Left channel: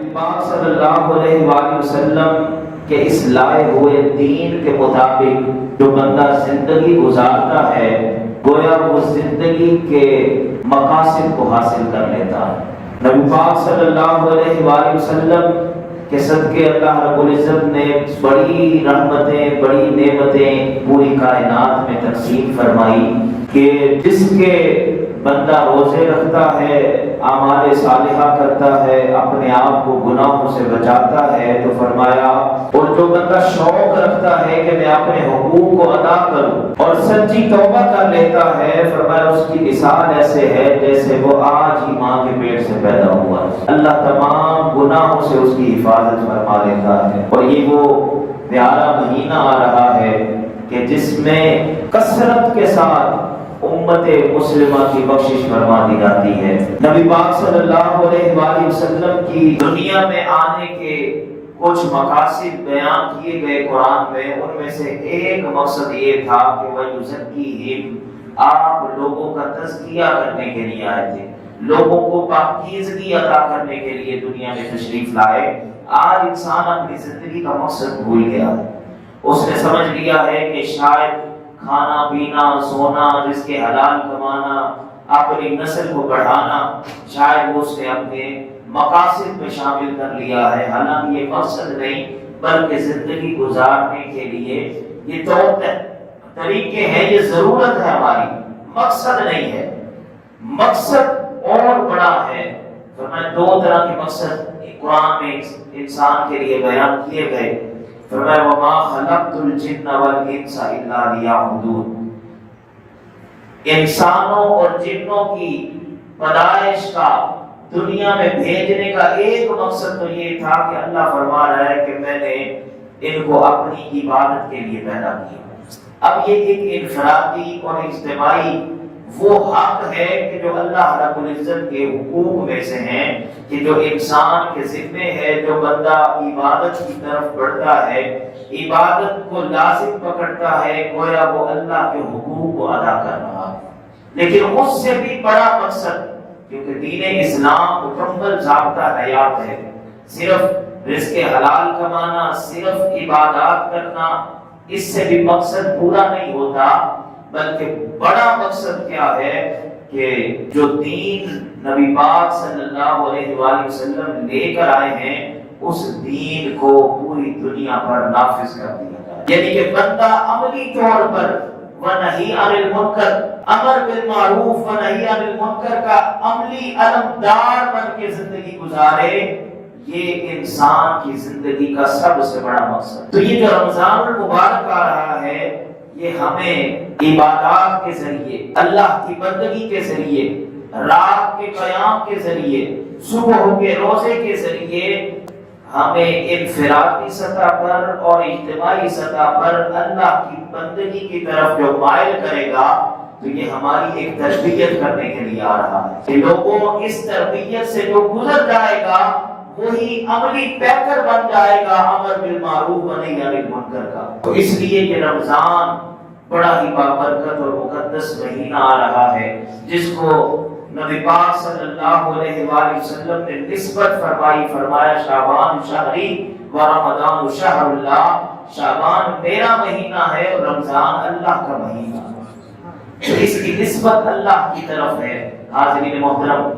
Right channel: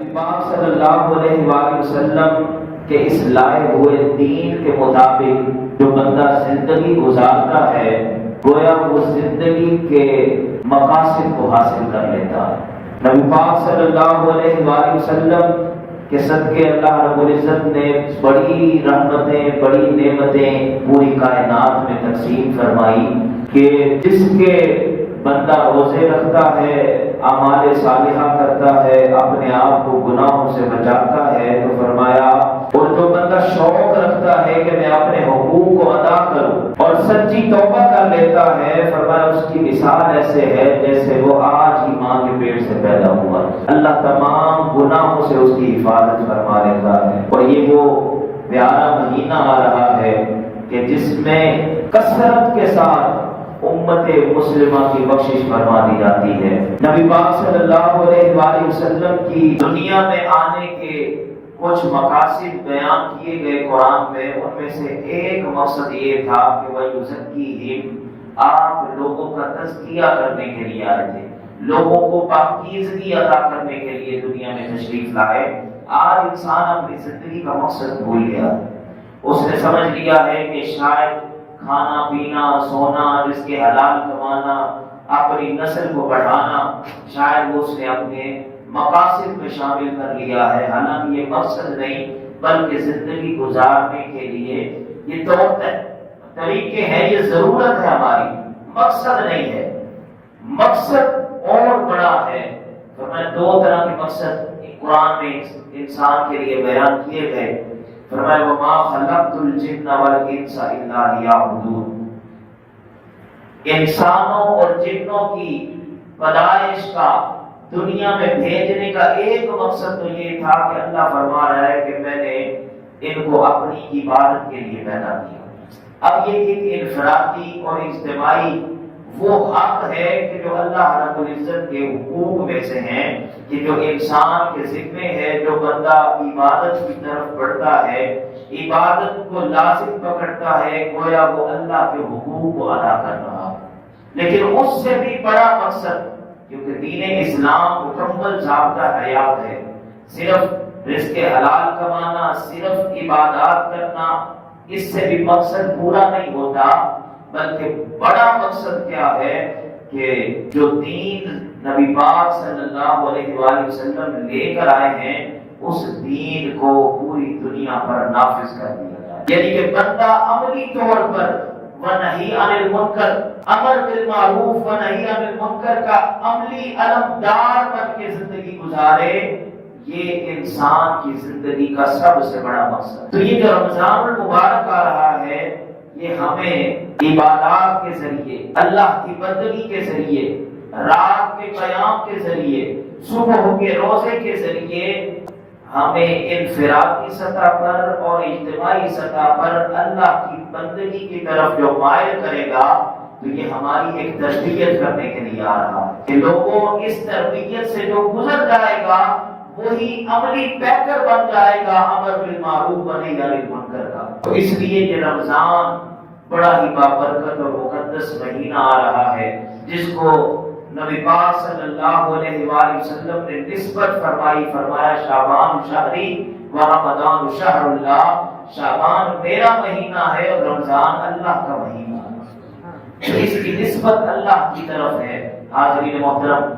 نبی پاک صلی اللہ علیہ وآلہ وسلم کے اس لائے ہوئے دین کے مطابق جو بندہ زندگی گزارتا ہے گویا وہ زندگی کے مقاصد کو حاصل کر لیتا ہے۔ نبی پاک صلی اللہ علیہ وآلہ وسلم کے صدقے اللہ رب العزت نے بڑی رحمتیں بڑی نعمتیں پوری کائنات میں تقسیم فرمائی کہ جس کے بندہ روزے رکھتا ہے، اعمال صالحہ کرتا ہے، اپنے آپ کو گناہوں سے بچاتا ہے، تو فرمایا اور جو بندہ شوق رکھتا ہے کہ میں اپنے حقوق کو ادا کروں اور سچی توبہ کر لیتا ہے، فرمایا اس کی مثال ایسے ہے جیسے وہ آج ہی ماں کے پیٹ سے پیدا ہوا۔ اللہ تمام گناہوں سے اس کی حفاظت فرما لیتا ہے۔ اور یہ وہ پیارا مہینہ آ رہا ہے کہ جس میں کثرت کے ساتھ امت مسلمہ کی بخشش فرما دی جاتی ہے۔ نبی پاک صلی اللہ علیہ وآلہ وسلم کی دنیا میں آنے کے کچھ مقاصد بیان کیے گئے قرآن میں، ان میں سے ایک مقصد یہ تھا کہ وَيُزَكِّيهِمْ، آپ لوگوں کا تزکیہ کرنے کے لیے آئے تھے، لوگوں کو پاکیزگی عطا کرنے کے لیے دنیا میں تشریف لائے۔ آج انسان اپنی زندگی کا مقصد بھول گیا ہے، اس نے سمجھ لیا ہے کہ شاید کھانا پینا سونا، رزق حلال کمانا، اپنی نسل کو بڑھانا، شاید وہ اس نے اپنے مقاصد میں شامل کر لیا ہے۔ حالانکہ یہ مقصد نہیں بلکہ زندگی گزارنے کے لیے یہ طور طریقے ہیں، یہ ضرورت ہے ہماری، مقصد نہیں ہے۔ مقصد اور بڑا ہے۔ تو میں دو طرح کے مقصد قرآن میں انسان کے لیے بیان کیے گئے۔ فرمایا وَمَا خَلَقْتُ الْجِنَّ وَالْإِنسَ إِلَّا لِيَعْبُدُونِ، انسانوں اور جنوں کی پیدائش کا دنیا میں بھیجنے کا ایک مقصد تو یہ تھا کہ اللہ فرما رہا ہے کہ میں نے ان کو اپنی عبادت کے لیے پیدا کیا۔ اب یہ ایک انفرادی اور اجتماعی وہ حق ہے کہ جو اللہ رب العزت کے حقوق میں سے ہیں کہ جو انسان کے ذمے ہے، جو بندہ عبادت کی طرف بڑھتا ہے، عبادت کو لازم پکڑتا ہے، گویا وہ اللہ کے حقوق کو ادا کر رہا ہے۔ لیکن اس سے بھی بڑا مقصد، کیونکہ دین اسلام مکمل ضابطہ حیات ہے، صرف رزق حلال کمانا، صرف عبادات کرنا، اس سے بھی مقصد پورا نہیں ہوتا، بلکہ بڑا مقصد کیا ہے کہ جو دین نبی پاک صلی اللہ علیہ وآلہ وسلم لے کر آئے ہیں اس دین کو پوری دنیا پر نافذ کر دیا جائے۔ یعنی کہ بندہ عملی طور پر ونہی عن المنکر، امر بالمعروف ونہی عن المنکر کا عملی علمدار بن کے زندگی گزارے، یہ انسان کی زندگی کا سب سے بڑا مقصد۔ تو یہ جو رمضان المبارک آ رہا ہے، یہ ہمیں عبادات کے ذریعے، اللہ کی بندگی کے ذریعے، رات کے قیام کے ذریعے، صبح کے روزے کے ذریعے ہمیں انفرادی سطح پر اور اجتماعی سطح پر اللہ کی بندگی کی طرف جو مائل کرے گا، تو یہ ہماری ایک تربیت کرنے کے لیے آ رہا ہے کہ لوگوں اس تربیت سے جو گزر جائے گا وہی عملی پیکر بن جائے گا امر بالمعروف ونہی عن المنکر کا۔ تو اس لیے یہ رمضان بڑا ہی بابرکت اور مقدس مہینہ آ رہا ہے، جس کو نبی پاک صلی اللہ علیہ وآلہ وسلم نے نسبت فرمائی، فرمایا شعبان شہری و رمضان شہر اللہ، شعبان میرا مہینہ ہے اور رمضان اللہ کا مہینہ، اس کی نسبت اللہ کی طرف ہے۔ حاضرین محترم،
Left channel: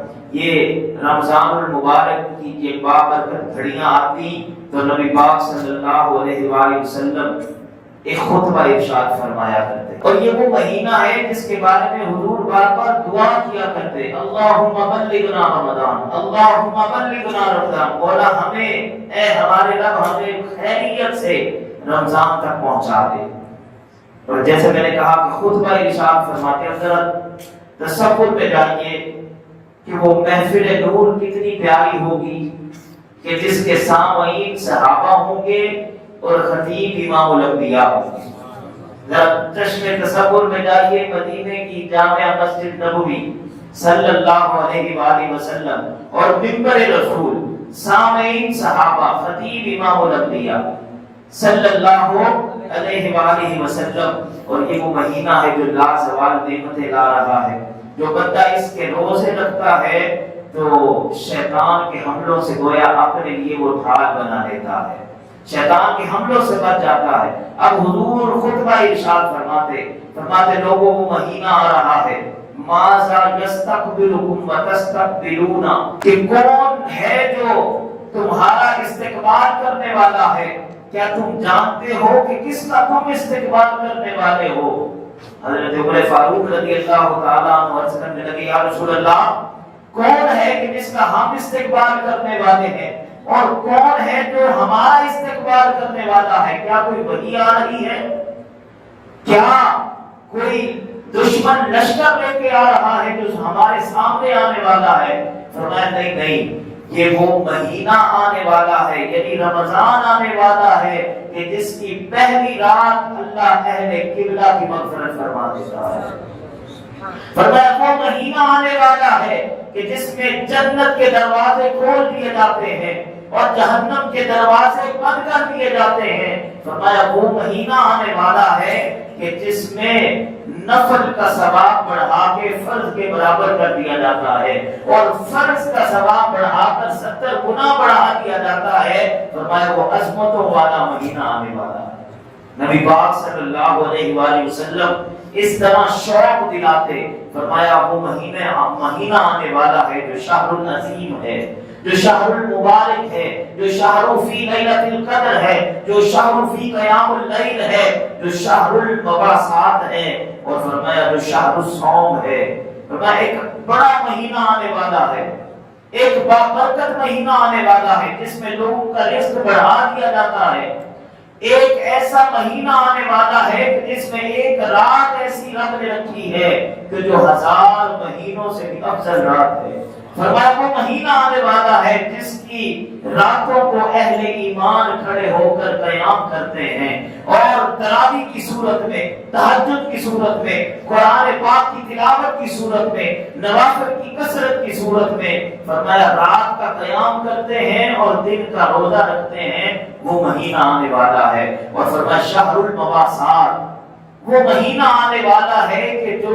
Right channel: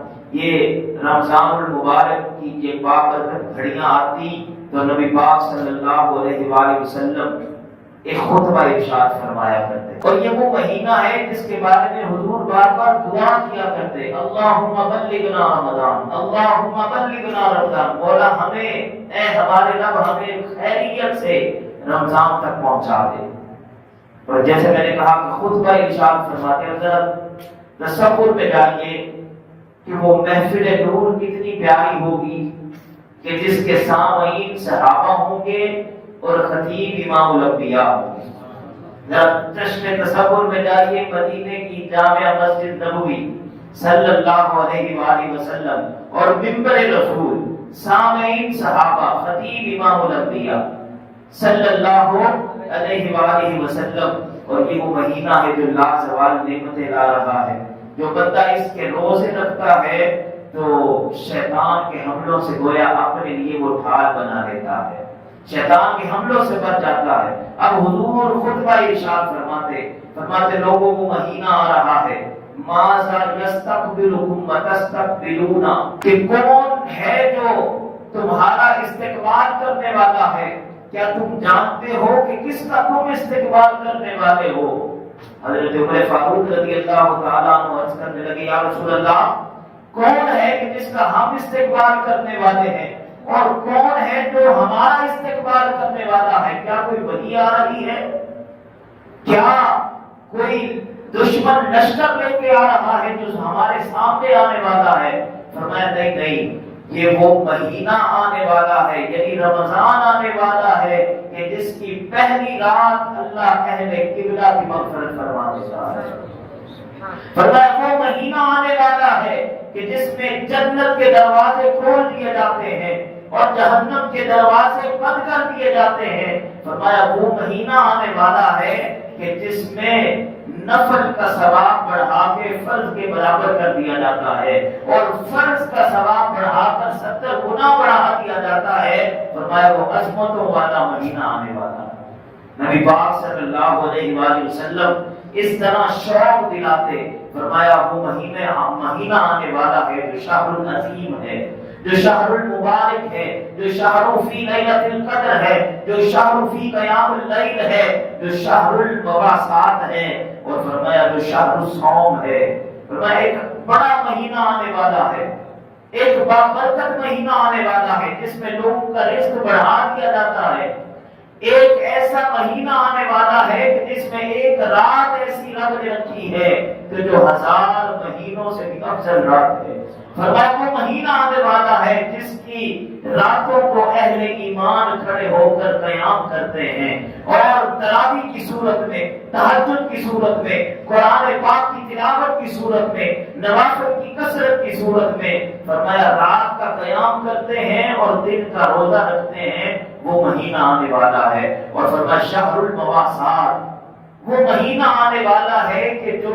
یہ رمضان المبارک کی یہ بابرکت گھڑیاں آتی تو نبی پاک صلی اللہ علیہ وآلہ وسلم ایک خطبہ ارشاد فرمایا کرتے، اور یہ وہ مہینہ ہے جس کے بارے میں حضور بار بار دعا کیا کرتے، اللہم بلغنا رمضان، اللہم بلغنا رمضان، مولا ہمیں، اے ہمارے رب، ہمیں خیریت سے رمضان تک پہنچا دے۔ اور جیسے میں نے کہا کہ خطبہ ارشاد فرماتے ہیں، ذرا تصور میں جائیے کہ وہ محفل نور کتنی پیاری ہوگی کہ جس کے سامعین صحابہ ہوں گے اور خطیب امام الانبیاء۔ ذرا چشم تصور میں جائیے مدینے کی جامع مسجد نبوی صلی اللہ علیہ وآلہ وسلم اور منبر رسول، سامعین صحابہ، خطیب امام الانبیاء صلی اللہ علیہ وآلہ وسلم۔ اور یہ وہ مہینہ ہے جو لازوال نعمتیں لا رہا ہے، جو بندہ اس کے روزے رکھتا ہے تو شیطان کے حملوں سے گویا اپنے لیے وہ ڈھال بنا لیتا ہے، شیطان کے حملوں سے بچ جاتا ہے۔ اب حضور خطبہ ارشاد فرماتے لوگوں کو مہینہ آ رہا ہے، ماذا یستقبلکم وتستقبلون، کہ کون ہے جو تمہارا استقبال کرنے والا ہے، کیا تم جانتے ہو کہ کس کا تم استقبال کرنے والے ہو؟ حضرت عمر فاروق رضی اللہ تعالیٰ عنہ عرض کرنے لگے، یا رسول اللہ کون ہے کہ جس کا ہم استقبال کرنے والے ہیں، اور کون ہے جو ہمارا استقبال کرنے والا ہے؟ کیا کوئی وحی آ رہی ہے؟ کیا کوئی دشمن لشکر لے کے آ رہا ہے جو ہمارے سامنے آنے والا ہے؟ فرمایا نہیں، یہ وہ مہینہ آنے والا ہے، یعنی رمضان آنے والا ہے کہ جس کی پہلی رات اللہ اہل قبلہ کی مغفرت فرما دیتا ہے۔ فرمایا وہ مہینہ آنے والا ہے کہ جس میں جنت کے دروازے کھول دیے جاتے ہیں اور جہنم کے دروازے بند کر دیے جاتے ہیں۔ فرمایا وہ مہینہ آنے والا ہے کہ جس میں نفل کا ثواب بڑھا کے فرض کے برابر کر دیا جاتا ہے اور فرض کا ثواب بڑھا کر 70 گنا بڑھا دیا جاتا ہے۔ فرمایا وہ عظمتوں والا مہینہ آنے والا ہے۔ نبی پاک صلی اللہ علیہ وآلہ وسلم اس طرح شوق دلاتے، فرمایا وہ مہینہ آنے والا ہے جو شہر العظیم ہے، جو شہر المبارک ہے، جو شہر فی لیلۃ القدر ہے، جو شہر فی قیام اللیل ہے، جو شہر المباسات ہے، اور فرمایا جو شہر الصوم ہے۔ فرمایا ایک بڑا مہینہ آنے والا ہے، ایک بابرکت مہینہ آنے والا ہے جس میں لوگوں کا رزق بڑھا دیا جاتا ہے۔ ایک ایسا مہینہ آنے والا ہے کہ جس میں ایک رات ایسی رب نے رکھی ہے کہ جو 1000 مہینوں سے بھی افضل رات ہے۔ فرمایا وہ مہینہ آنے والا ہے جس کی راتوں کو اہل ایمان کھڑے ہو کر قیام کرتے ہیں اور تراویح کی صورت میں، تہجد کی صورت میں، قرآن پاک کی تلاوت کی صورت میں، نوافل کی کثرت کی صورت میں، فرمایا رات کا قیام کرتے ہیں اور دن کا روزہ رکھتے ہیں۔ وہ مہینہ آنے والا ہے۔ اور فرمایا شہر المواسات، وہ مہینہ آنے والا ہے کہ جو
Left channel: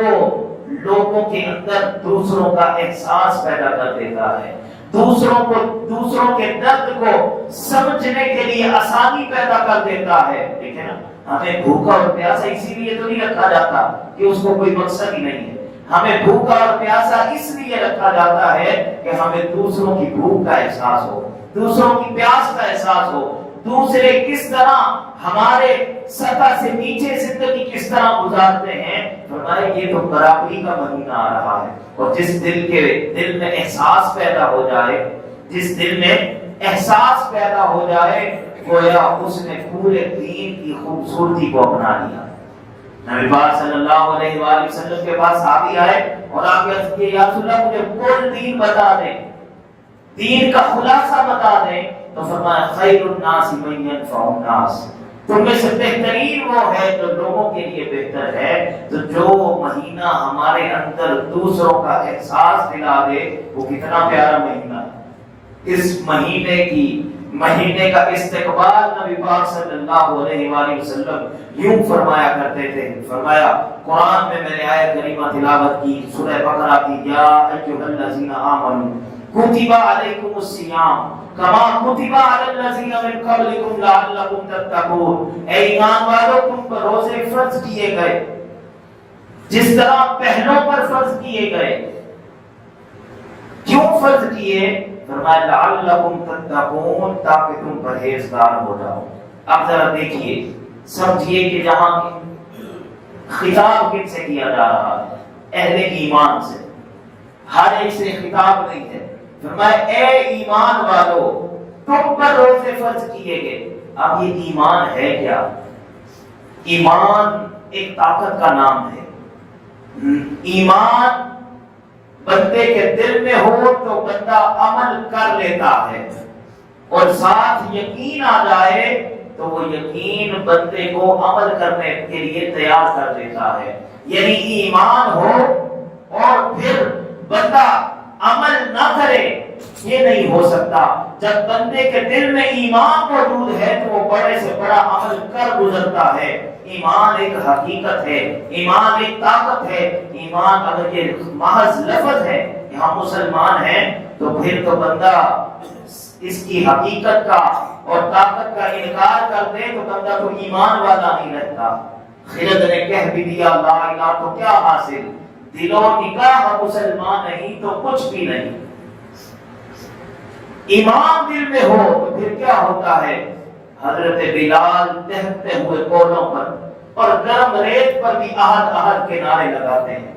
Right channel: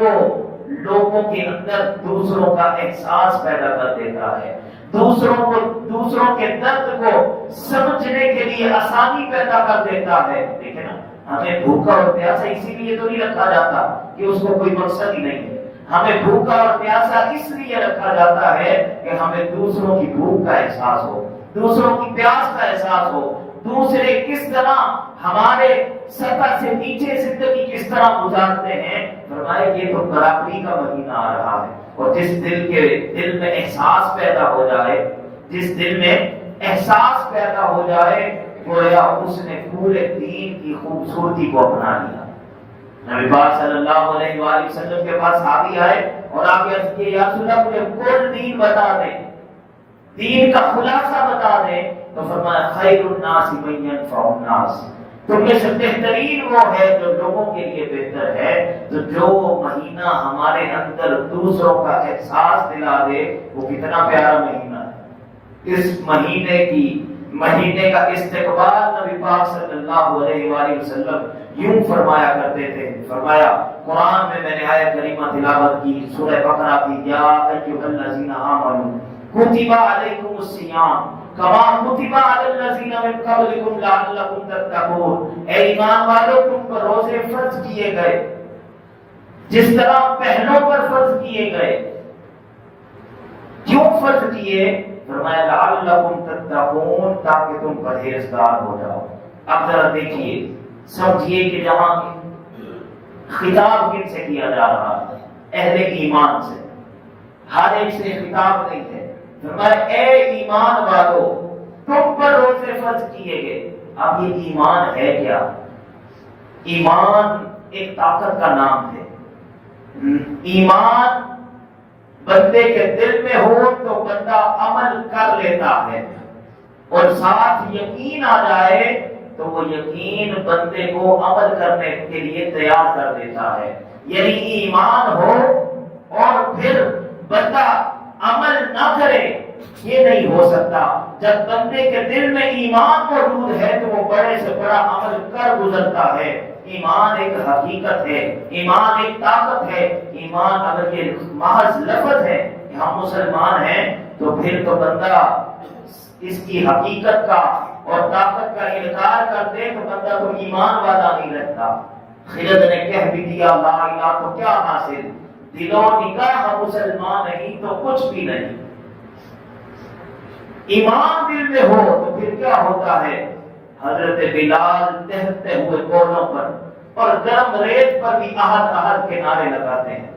لوگوں کے اندر دوسروں کا احساس پیدا کر دیتا ہے، دوسروں کے درد کو سمجھنے کے لیے آسانی پیدا کر دیتا ہے۔ دیکھیں نا، ہمیں بھوکا اور پیاسا اسی لیے تو نہیں رکھا جاتا کہ اس کو کوئی مقصد ہی نہیں ہے، ہمیں بھوکا اور پیاسا اس لیے رکھا جاتا ہے کہ ہمیں دوسروں کی بھوک کا احساس ہو، دوسروں کی پیاس کا احساس ہو، دوسرے کس طرح ہمارے سطح سے نیچے زندگی کس طرح گزارتے ہیں۔ فرمایا یہ تو برابری کا مہینہ آ رہا ہے، اور جس دل میں احساس پیدا ہو جائے، جس دل میں احساس پیدا ہو جائے، گویا اس نے پورے دین کی خوبصورتی کو اپنا لیا۔ نبی پاک صلی اللہ علیہ وآلہ وسلم کے پاس صحابی آئے اور آپ یہ یا رسول اللہ مجھے کل دین بتا دیں، دین کا خلاصہ بتا دیں، تو فرمایا خیر الناس من ينفع الناس، تم میں سے بہترین وہ ہے جو لوگوں کے لیے بہتر ہے۔ تو جو مہینہ ہمارے اندر دوسروں کا احساس دلا دے، وہ کتنا پیارا مہینہ ہے۔ اس مہینے کا استقبال نبی پاک صلی اللہ علیہ وآلہ وسلم یوں فرمایا کرتے تھے۔ فرمایا قرآن میں نے آیت کریمہ تلاوت کی، سورہ بقرہ کی، یا ایھا الذین آمنوا کتب علیکم الصیام کما کتب علی الذین من قبلکم لعلکم تتقون، اے ایمان والو تم پر روزے فرض کیے گئے جس طرح پہلوں پر فرض کیے گئے۔ کیوں فرض کیے؟ فرمایا لعلکم تتقون، تاکہ تم پرہیزگار ہو جاؤ۔ اب ذرا دیکھیے، سمجھیے کہ جہاں خطاب کن سے کیا جا رہا ہے؟ اہل ایمان سے، ہر ایک سے خطاب نہیں ہے۔ فرمایا اے ایمان والو تم پر روزے فرض کیے گئے۔ اب یہ ایمان ہے کیا؟ ایمان ایک طاقت کا نام ہے۔ ایمان بندے کے دل میں ہو تو بندہ عمل کر لیتا ہے، اور ساتھ یقین آ جائے تو وہ یقین بندے کو عمل کرنے کے لیے تیار کر دیتا ہے۔ یعنی ایمان ہو اور پھر بندہ عمل نہ کرے، یہ نہیں ہو سکتا۔ جب بندے کے دل میں ایمان موجود ہے تو وہ بڑے سے بڑا عمل کر گزرتا ہے۔ ایمان ایک حقیقت ہے، ایمان ایک طاقت ہے۔ ایمان اگر یہ محض لفظ ہے کہ ہم مسلمان ہیں تو پھر تو بندہ اس کی حقیقت کا اور طاقت کا انکار کر دے تو بندہ تو ایمان والا نہیں رہتا۔ خرد نے کہہ بھی دیا لا الہ تو کیا حاصل، دل و نگاہ مسلمان نہیں تو کچھ بھی نہیں۔ ایمان دل میں ہو تو پھر کیا ہوتا ہے؟ حضرت بلال دہتے ہوئے بولوں پر اور گرم ریت پر بھی احد احد کے نعرے لگاتے ہیں۔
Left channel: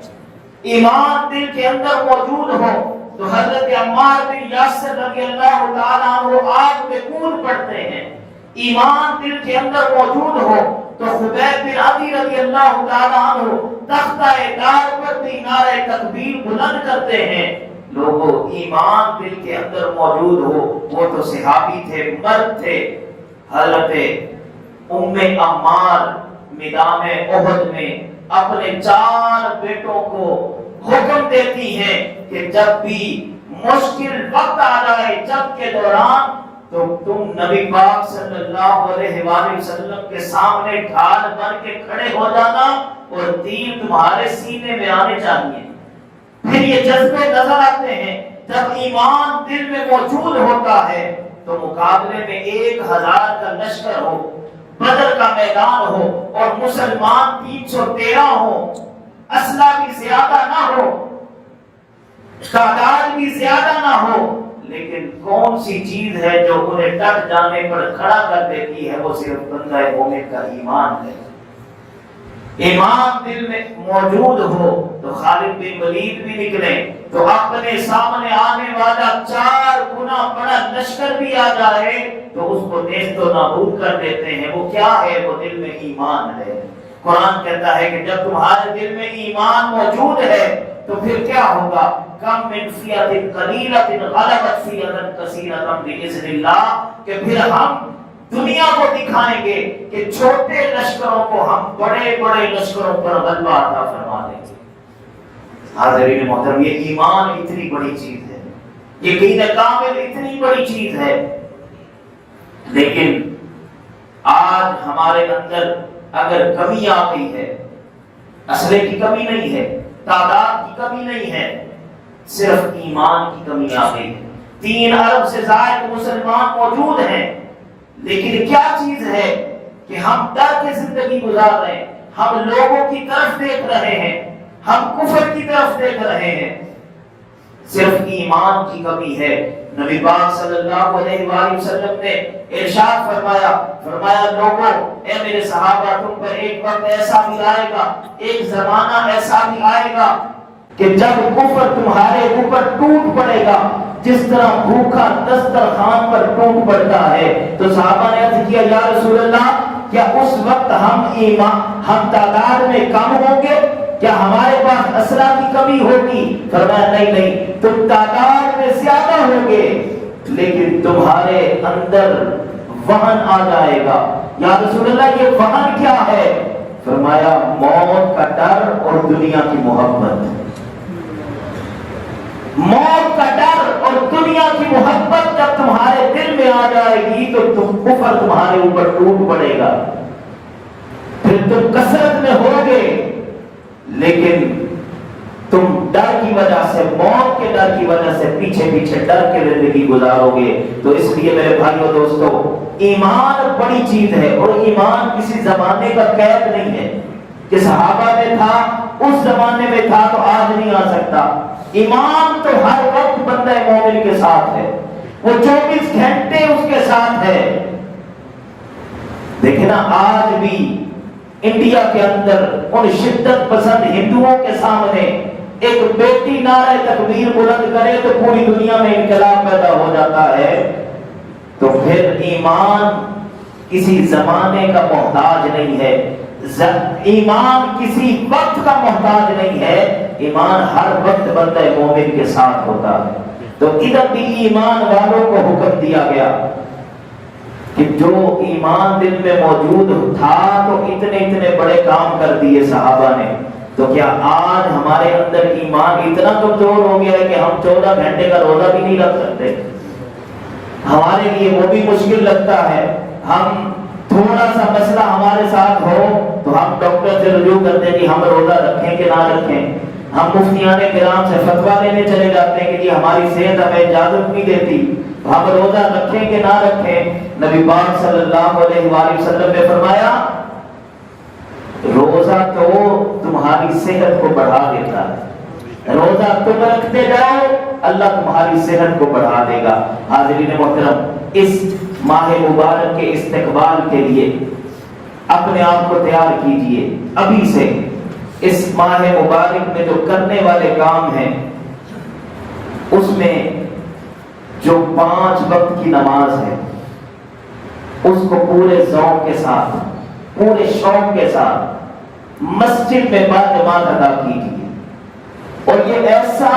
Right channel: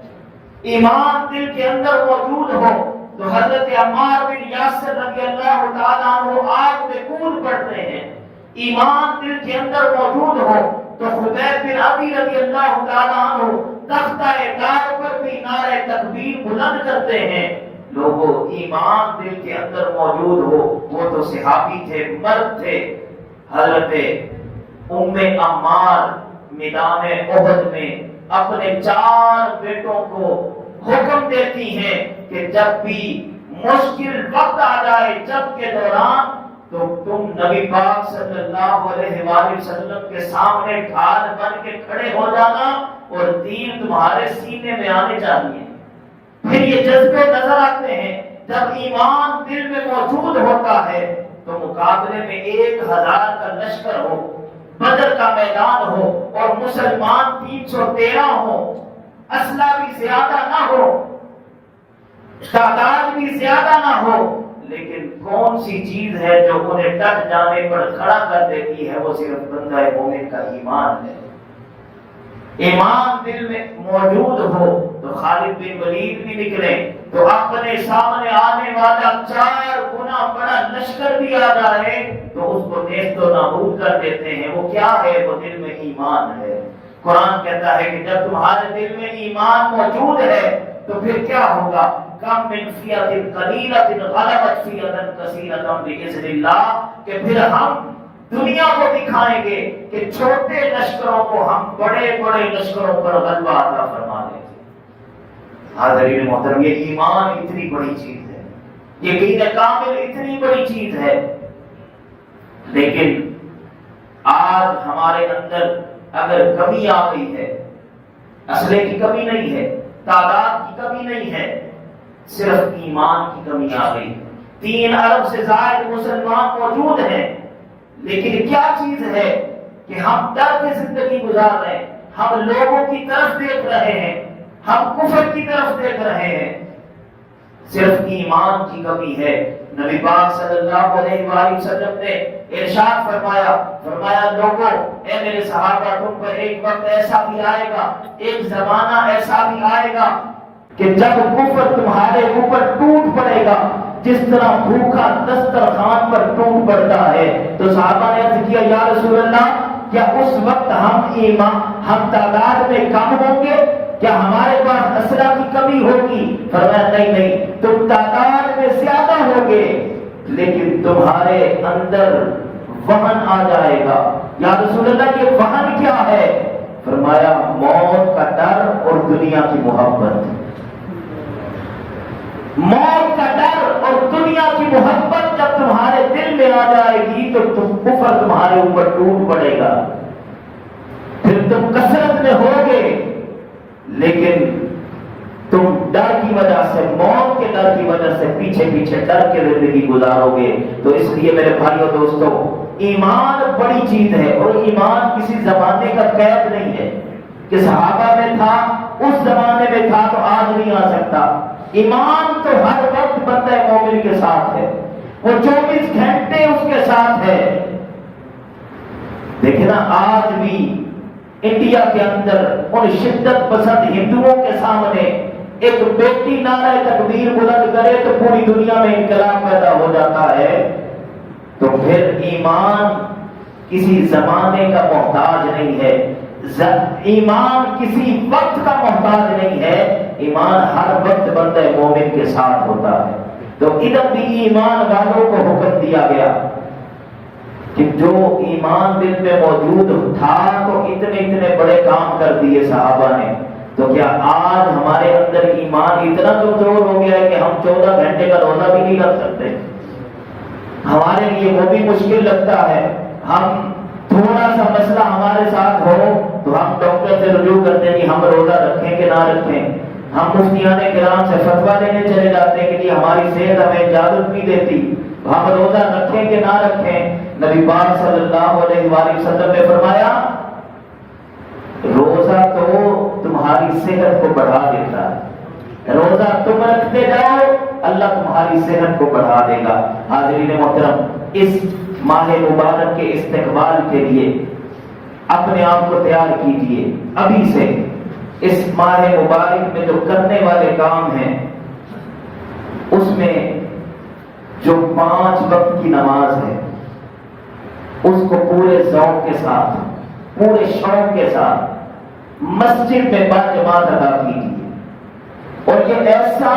ایمان دل کے اندر موجود ہو تو حضرت عمار بن یاسر رضی اللہ تعالیٰ عنہ آگ میں کود پڑتے ہیں۔ ایمان دل کے اندر موجود ہو تو خبیب بن عدی رضی اللہ تعالیٰ عنہ تختہ دار پر بھی نعرہ تکبیر بلند کرتے ہیں۔ لوگوں ایمان دل کے اندر موجود ہو، وہ تو صحابی تھے، مرد تھے۔ حضرت ام عمار میدان احد میں اپنے 4 بیٹوں کو حکم دیتی ہیں کہ جب بھی مشکل وقت آ جائے جنگ کے دوران تو تم نبی پاک صلی اللہ علیہ وآلہ وسلم کے سامنے ڈھال بن کے کھڑے ہو جانا اور تیر تمہارے سینے میں آنے چاہیے۔ پھر یہ جذبے نظر آتے ہیں جب ایمان دل میں موجود ہوتا ہے تو مقابلے میں 1000 کا لشکر ہو، بدر کا میدان ہو اور مسلمان 313 ہو، اسلحہ بھی زیادہ نہ ہو، تعداد بھی زیادہ نہ ہو، لیکن کون سی چیز ہے جو انہیں ڈٹ جانے پر کھڑا کر دیتی ہے؟ وہ صرف بندہ مومن کا ایمان ہے۔ ایمان دل میں موجود ہو تو خالد بن ولید بھی نکلے تو اپنے سامنے آنے والا 4 گنا بڑا لشکر بھی آ جائے تو اس کو نیست و نابود کر دیتے ہیں۔ وہ کیا ہے؟ وہ دل میں ایمان ہے۔ قرآن کہتا ہے کہ جب تمہارے دل میں ایمان موجود ہے تو پھر کیا ہوگا؟ کم من فیۃ قلیلۃ غلبت فیۃ کثیرۃ باذن اللہ، کہ پھر ہم دنیا کو دکھائیں گے کہ چھوٹے لشکروں کو ہم بڑے بڑے لشکروں پر غلبہ عطا فرما دیں گے۔ حاضرین محترم، یہ ایمان اتنی بڑی چیز ہے، یقین کامل اتنی بڑی چیز ہے، لیکن آج ہمارے اندر اگر کمی آ گئی ہے، اسلحے کی کمی نہیں ہے، تعداد کی کمی نہیں ہے، صرف ایمان کی کمی آ گئی ہے۔ 3 ارب سے زائد مسلمان موجود ہیں، لیکن کیا چیز ہے کہ ہم ڈر کے زندگی گزار رہے ہیں، ہم لوگوں کی طرف دیکھ رہے ہیں، ہم کفر کی طرف دیکھ رہے ہیں، صرف ایمان کی کمی ہے۔ نبی پاک صلی اللہ علیہ وآلہ وسلم نے ارشاد فرمایا لوگوں، اے میرے صحابہ، تم پر ایک وقت ایسا بھی آئے گا، ایک زمانہ ایسا بھی آئے گا کہ جب کفر تمہارے اوپر ٹوٹ پڑے گا جس طرح بھوکا دسترخوان پر ٹوٹ پڑتا ہے۔ تو صحابہ نے عرض کیا یا رسول اللہ، کیا اس وقت ہم تعداد میں کم ہوں گے؟ کیا ہمارے پاس اسلحہ کی کمی ہوگی؟ فرمایا نہیں، تم تعداد میں زیادہ ہوگے لیکن تمہارے اندر وہن آ جائے گا۔ یا رسول اللہ، یہ وہن کیا ہے؟ فرمایا موت کا ڈر اور دنیا کی محبت۔ موت کا ڈر اور دنیا کی محبت جب تمہارے دل میں آ جائے گی تو کفر تمہارے اوپر ٹوٹ پڑے گا، پھر تم کثرت میں ہوگے لیکن تم ڈر کی وجہ سے، موت کے ڈر کی وجہ سے پیچھے پیچھے ڈر کے زندگی گزارو گے۔ تو اس لیے میرے بھائیو دوستو، ایمان بڑی چیز ہے اور ایمان کسی زمانے کا قید نہیں ہے کہ صحابہ میں تھا، اس زمانے میں تھا تو آج نہیں آ سکتا۔ ایمان تو ہر وقت بندہ مومن کے ساتھ ہے، وہ 24 گھنٹے اس کے ساتھ ہے۔ دیکھیں نا، آج بھی انڈیا کے اندر ان شدت پسند ہندوؤں کے سامنے ایک بیٹی نعرہ تکبیر بلند کرے تو پوری دنیا میں انقلاب پیدا ہو جاتا ہے۔ تو پھر ایمان کسی زمانے کا محتاج نہیں ہے، ایمان کسی وقت کا محتاج نہیں ہے، ایمان ہر وقت بندہ مومن کے ساتھ ہوتا ہے۔ تو ادھر بھی ایمان والوں کو حکم دیا گیا کہ جو ایمان دل میں موجود تھا تو اتنے بڑے کام کر دیے صحابہ نے۔ تو کیا آج ہمارے اندر ایمان اتنا کمزور ہو گیا ہے کہ ہم 14 گھنٹے کا روزہ بھی نہیں رکھ سکتے؟ ہمارے لیے وہ بھی مشکل لگتا ہے۔ ہم تھوڑا سا مسئلہ ہمارے ساتھ ہو تو ہم ڈاکٹر سے رجوع کرتے ہیں کہ ہم روزہ رکھیں کہ نہ رکھیں۔ ہم مفتیان کرام سے فتویٰ لینے چلے جاتے ہیں کہ جی ہماری صحت ہمیں اجازت نہیں دیتی، ہم روزہ رکھیں کہ نہ رکھیں۔ نبی پاک صلی اللہ علیہ وآلہ وسلم نے فرمایا روزہ تو تمہاری صحت کو بڑھا دیتا ہے، روزہ تم رکھتے جاؤ اللہ تمہاری صحت کو بڑھا دے گا۔ حاضرین محترم، اس ماہ مبارک کے استقبال کے لیے اپنے آپ کو تیار کیجئے ابھی سے۔ اس ماہ مبارک میں جو کرنے والے کام ہیں اس میں جو 5 وقت کی نماز ہے اس کو پورے ذوق کے ساتھ، پورے شوق کے ساتھ مسجد میں باجماعت ادا کیجیے، اور یہ ایسا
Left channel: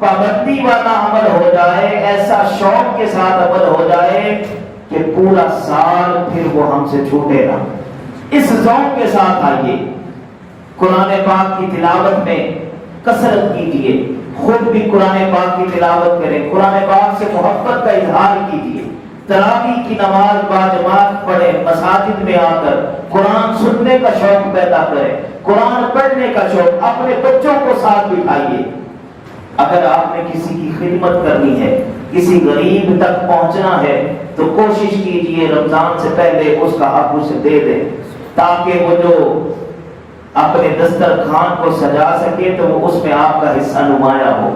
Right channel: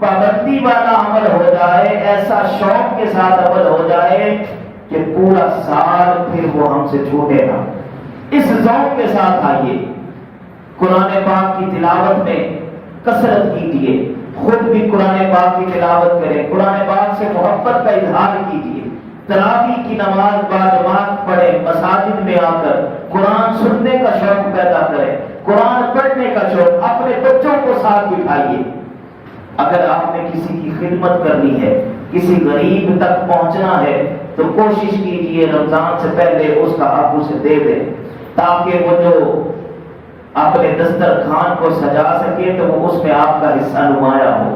پابندی والا عمل ہو جائے، ایسا شوق کے ساتھ عمل ہو جائے کہ پورا سال پھر وہ ہم سے چھوٹے نہ۔ اس ذوق کے ساتھ آئیے، قرآن پاک کی تلاوت میں کثرت کیجیے، خود بھی قرآن پاک کی تلاوت کریں، قرآن پاک سے محبت کا اظہار کیجیے، تراویح کی نماز باجماعت پڑھیں، مساجد میں آ کر قرآن سننے کا شوق پیدا کریں، قرآن پڑھنے کا شوق، اپنے بچوں کو ساتھ بٹھائیے۔ اگر آپ نے کسی کی خدمت کرنی ہے، کسی غریب تک پہنچنا ہے تو کوشش کیجیے رمضان سے پہلے اس کا حق اسے دے دیں، تاکہ وہ جو اپنے دسترخوان کو سجا سکے تو وہ اس میں آپ کا حصہ نمایاں ہو،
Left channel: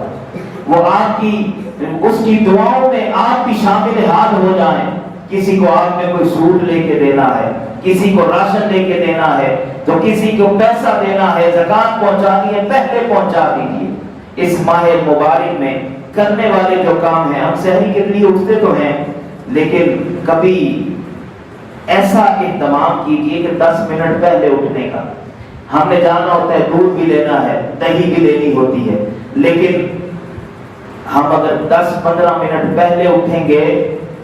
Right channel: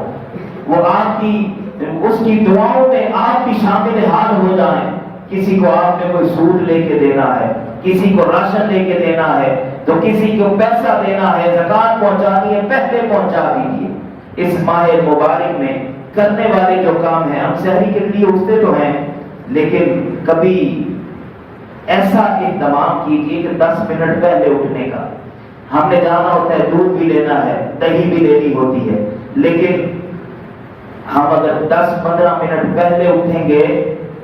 وہ آپ کی اس کی دعاؤں میں آپ بھی شامل حال ہو جائیں۔ کسی کو آپ نے کوئی سود لے کے دینا ہے، کسی کو راشن لے کے دینا ہے، تو کسی کو پیسہ دینا ہے، زکات پہنچانی ہے، پہلے پہنچا دیجیے۔ اس ماہ مبارک میں کرنے والے جو کام ہیں، ہم صحیح کے لیے اٹھتے تو ہیں لیکن کبھی ایسا اہتمام کیجیے کہ 10 منٹ پہلے اٹھنے کا۔ ہم نے جانا ہوتا ہے، دودھ بھی لینا ہے، دہی بھی لینی ہوتی ہے، لیکن ہم اگر 10-15 منٹ پہلے اٹھیں گے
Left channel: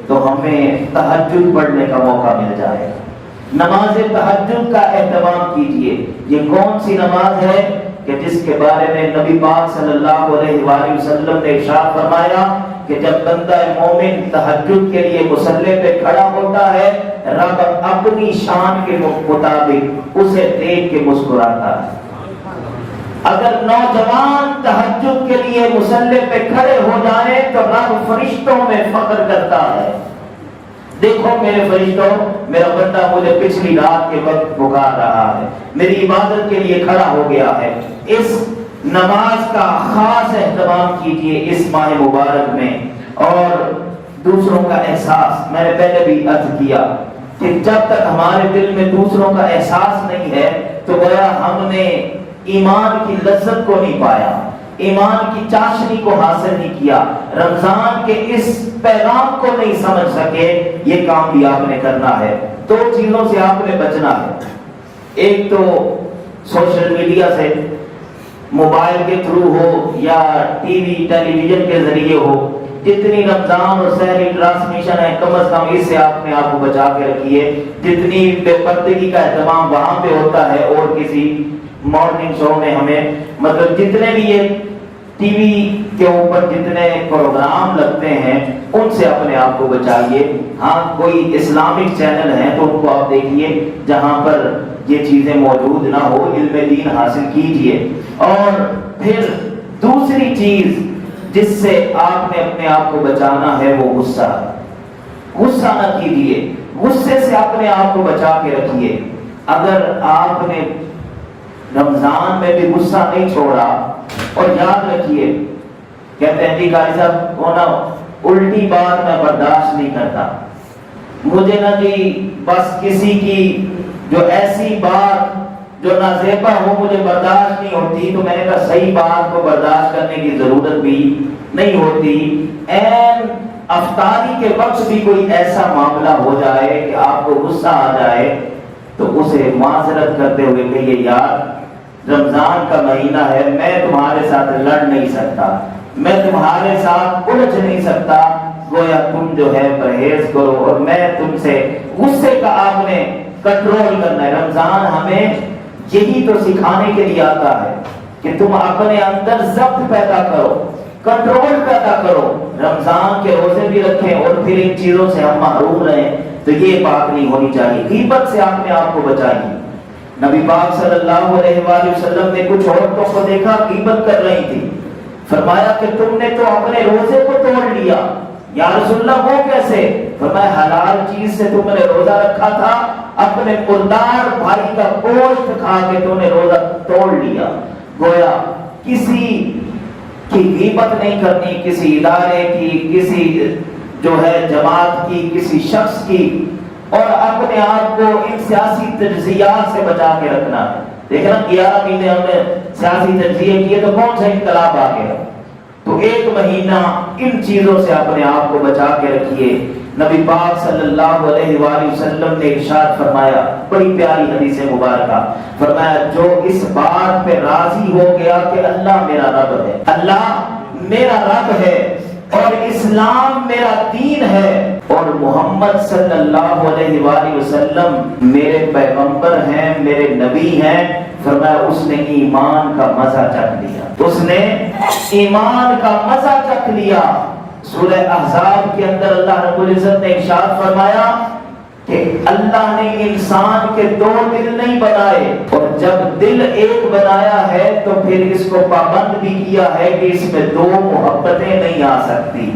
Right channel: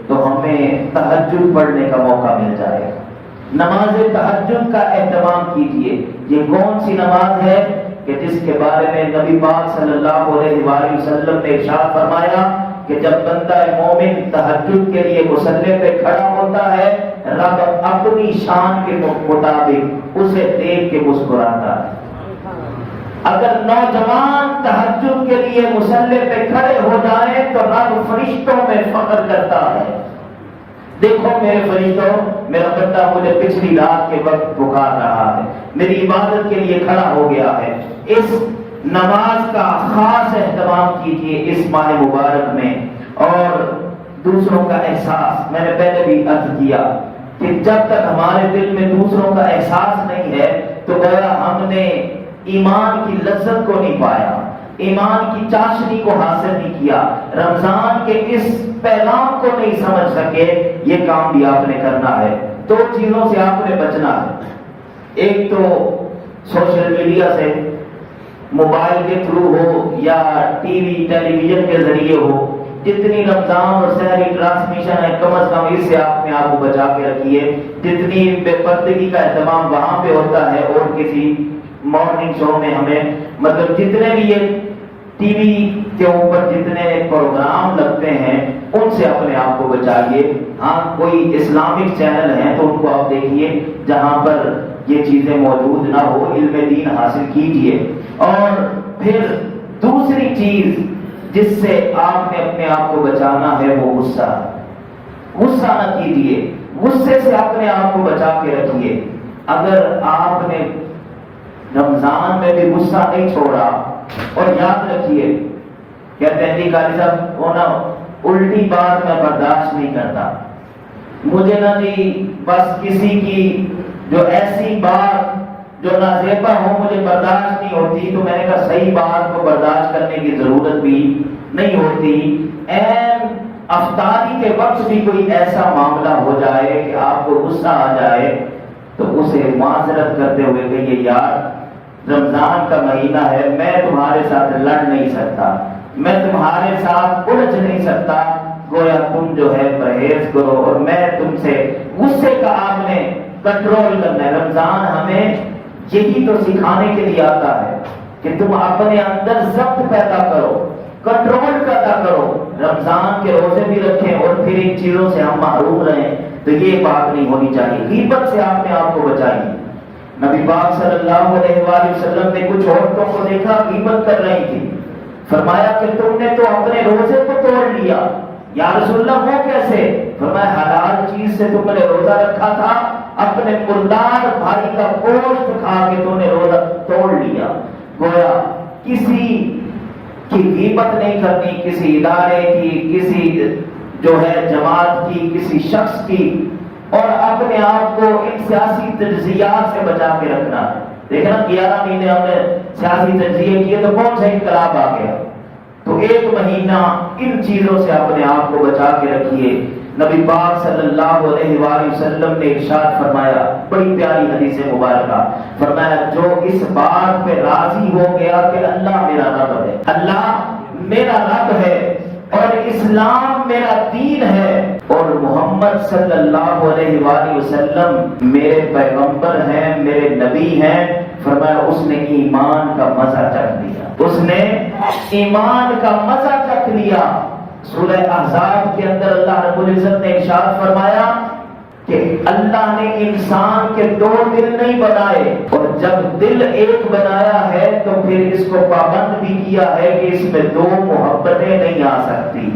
تو ہمیں تہجد پڑھنے کا موقع مل جائے گا۔ نماز تہجد کا اہتمام کیجیے۔ یہ کون سی نماز ہے کہ جس کے بارے میں نبی پاک صلی اللہ علیہ وآلہ وسلم نے ارشاد فرمایا کہ جب بندہ مومن تہجد کے لیے مصلی پہ کھڑا ہوتا ہے، رب اپنی شان کے مطابق اسے دیکھ کے مسکراتا ہے۔ اگر نوجوان تہجد کے لیے مصلی پہ کھڑے ہو جائیں تو رب فرشتوں میں فخر کرتا ہے، دیکھو میرے فرشتوں، میرا بندہ مجھے پچھلی رات کے وقت پکار رہا ہے، میری عبادت کے لیے کھڑا ہو گیا ہے۔ اس نماز کا خاص اہتمام کیجیے اس ماہ مبارک میں۔ اور دوسروں کا احساس، میں نے پہلے بھی عرض کیا کہ جب تک ہمارے دل میں دوسروں کا احساس نہیں ہے تو گویا ہم نے ایمان کی لذت کو نہیں پایا، ایمان کی چاشنی کو حاصل نہیں کیا، رمضان کے اس پیغام کو نہیں سمجھ سکے۔ یہ کام بھی آپ نے کرنا ہے۔ 2 چیزوں سے آپ نے بچنا ہے، ایک تو سوشل میڈیا سے، موبائل کے تھرو ہو یا ٹی وی ٹیلی ویژن کے ذریعے ہو، جتنی رمضان اور سحری ٹرانسمیشن ہے کم از کم اس سے آپ نے آپ کو بچا کے رکھیے۔ جتنی بے پردگی کا اہتمام وہاں پہ ہوتا ہے اور کسی مارننگ شو میں ہمیں، مطلب جتنے بھی یہ ٹی وی کے اوپر جتنے پروگرام لگتے ہیں ان سے اپنے آپ کو بچائیے۔ ہاں کوئی اسلامک چینل ہے تو ان کو آپ دیکھیے جہاں پر یہ چیزیں موجود نہ ہو، علم دین حاصل کیجیے۔ اور پھر دوسری چیز جس سے آپ نے اپنے آپ کو بچانا ہے وہ غصہ ہے۔ غصہ نہ کیجیے، غصے سے اپنے آپ کو بچا کے رکھیے۔ اگر آپ نے رمضان میں بھی غصہ نہیں چھوڑا، اور یاد رکھیے کہتے ہیں جی قاری صاحب وہ نا الٹی بات میں برداشت نہیں کرتا، مجھے نا جی بس کسی کی جو ایسی بات جو نازیبا ہو مجھے برداشت نہیں ہوتی، تو میں نے کہا صحیح بات کو برداشت کرنے کی ضرورت بھی نہیں ہوتی۔ این افطاری کے وقت بھی کوئی ایسا معاملہ ہو جائے کہ آپ کو غصہ آ جائے تو اسے معذرت کرتے ہوئے کہیے یار رمضان کا مہینہ ہے، میں تمہارے ساتھ لڑ نہیں سکتا، میں تمہارے ساتھ الجھ نہیں سکتا، گویا تم جو ہے پرہیز کرو، اور میں تم سے غصے کا آپ نے کنٹرول کرنا ہے۔ رمضان ہمیں یہی تو سکھانے کے لیے آتا ہے کہ تم اپنے اندر ضبط پیدا کرو، کنٹرول پیدا کرو، رمضان کے روزے بھی رکھیں اور پھر ان چیزوں سے ہم محروم رہیں، تو یہ بات نہیں ہونی چاہیے۔ غیبت سے آپ نے آپ کو بچائیے، نبی پاک صلی اللہ علیہ وآلہ وسلم نے کچھ عورتوں کو دیکھا غیبت کر رہی تھی، فرمایا کہ تم نے تو اپنے روزے کو توڑ لیا۔ یا رسول اللہ وہ کیسے؟ فرمایا حلال چیز سے تم نے روزہ رکھا تھا، اپنے مردار بھائی کا گوشت کھا کے تم نے روزہ توڑ لیا۔ گویا کسی کی غیبت نہیں کرنی، کسی ادارے کی، کسی جو ہے جماعت کی، کسی شخص کی، اور اپنے آپ کو ان سیاسی تجزیات سے بچا کے رکھنا ہے۔ دیکھنا 11 مہینے ہم نے سیاسی تجزیے کیے تو کون سا انقلاب آ گیا؟ تو 1 مہینہ ان چیزوں سے اپنے آپ کو بچا کے رکھیے۔ نبی پاک صلی اللہ علیہ وآلہ وسلم نے ارشاد فرمایا، بڑی پیاری حدیث مبارکہ، فرمایا جو اس بات پہ راضی ہو گیا کہ اللہ میرا رب ہے، اللہ میرا رب ہے اور اسلام میرا دین ہے اور محمد صلی اللہ علیہ وآلہ وسلم میرے پیغمبر ہیں، میرے نبی ہیں، فرمایا اس نے ایمان کا مزہ چکھ لیا، اس نے ایمان کا مزہ چکھ لیا۔ سورہ احزاب کے اندر اللہ رب العزت نے ارشاد فرمایا کہ اللہ نے انسان کے 2 دل نہیں بنائے، اور جب دل ایک بنایا ہے تو پھر اس کو پابند بھی کیا ہے کہ اس میں 2 محبتیں نہیں آ سکتی،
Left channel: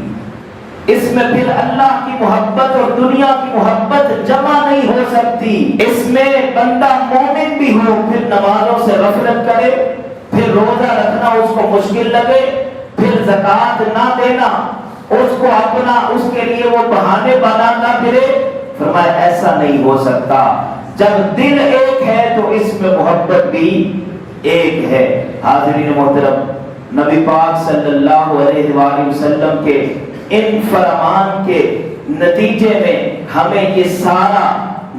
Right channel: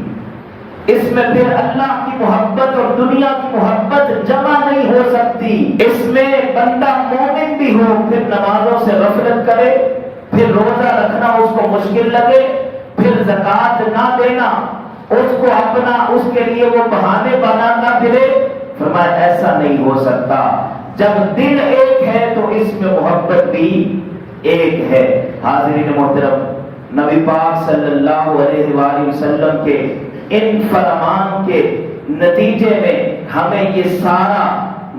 اس میں پھر اللہ کی محبت اور دنیا کی محبت جمع نہیں ہو سکتی۔ اس میں بندہ مومن بھی ہو پھر نمازوں سے غفلت کرے، پھر روزہ رکھنا اس کو مشکل لگے، پھر زکوٰۃ نہ دینا اس کو اپنا اس کے لیے وہ بہانے بنانا پھرے، فرمایا ایسا نہیں ہو سکتا۔ جب دل ایک ہے تو اس میں محبت بھی ایک ہے۔ حاضرین محترم، نبی پاک صلی اللہ علیہ وآلہ وسلم کے ان فرمان کے نتیجے میں ہمیں یہ سارا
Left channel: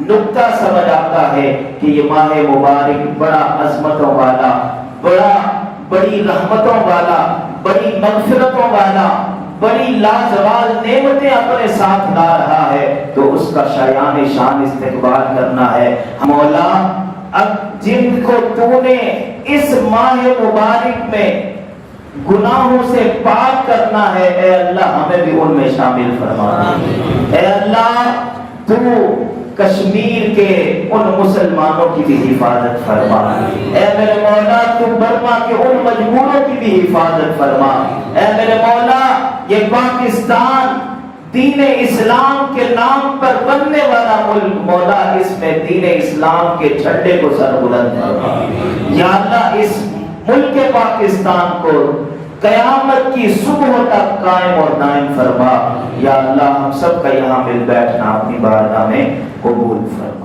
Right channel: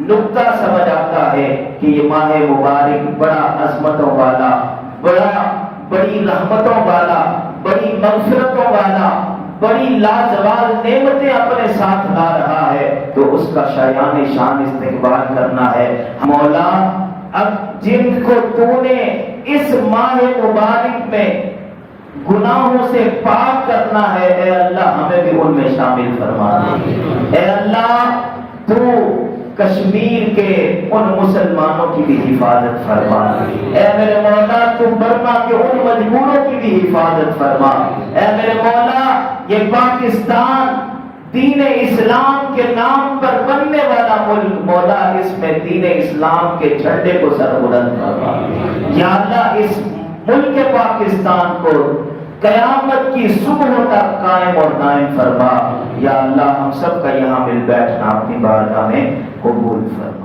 نقطہ سمجھ آتا ہے کہ یہ ماہ مبارک بڑا عظمتوں والا، بڑی رحمتوں والا، بڑی مغفرتوں والا، بڑی لازوال نعمتیں اپنے ساتھ لا رہا ہے، تو اس کا شایان شان استقبال کرنا ہے۔ مولا اب جن کو تو نے اس ماہ مبارک میں گناہوں سے پاک کرنا ہے، اے اللہ ہمیں بھی ان میں شامل فرما دے۔ اے اللہ تو کشمیر کے ان مسلمانوں کی بھی حفاظت فرما، اے میرے مولا تو برما کے ان مجبوروں کی بھی حفاظت فرما، اے میرے مولا یہ پاکستان دین اسلام کے نام پر بننے والا ملک، مولا اس میں دین اسلام کے جھنڈے کو سربلند فرما۔ یا اللہ اس ملک پاکستان کو قیامت کی صبح تک قائم اور دائم فرما۔ یا اللہ ہم سب کا یہاں مل بیٹھنا اپنی بارگاہ میں قبول فرما۔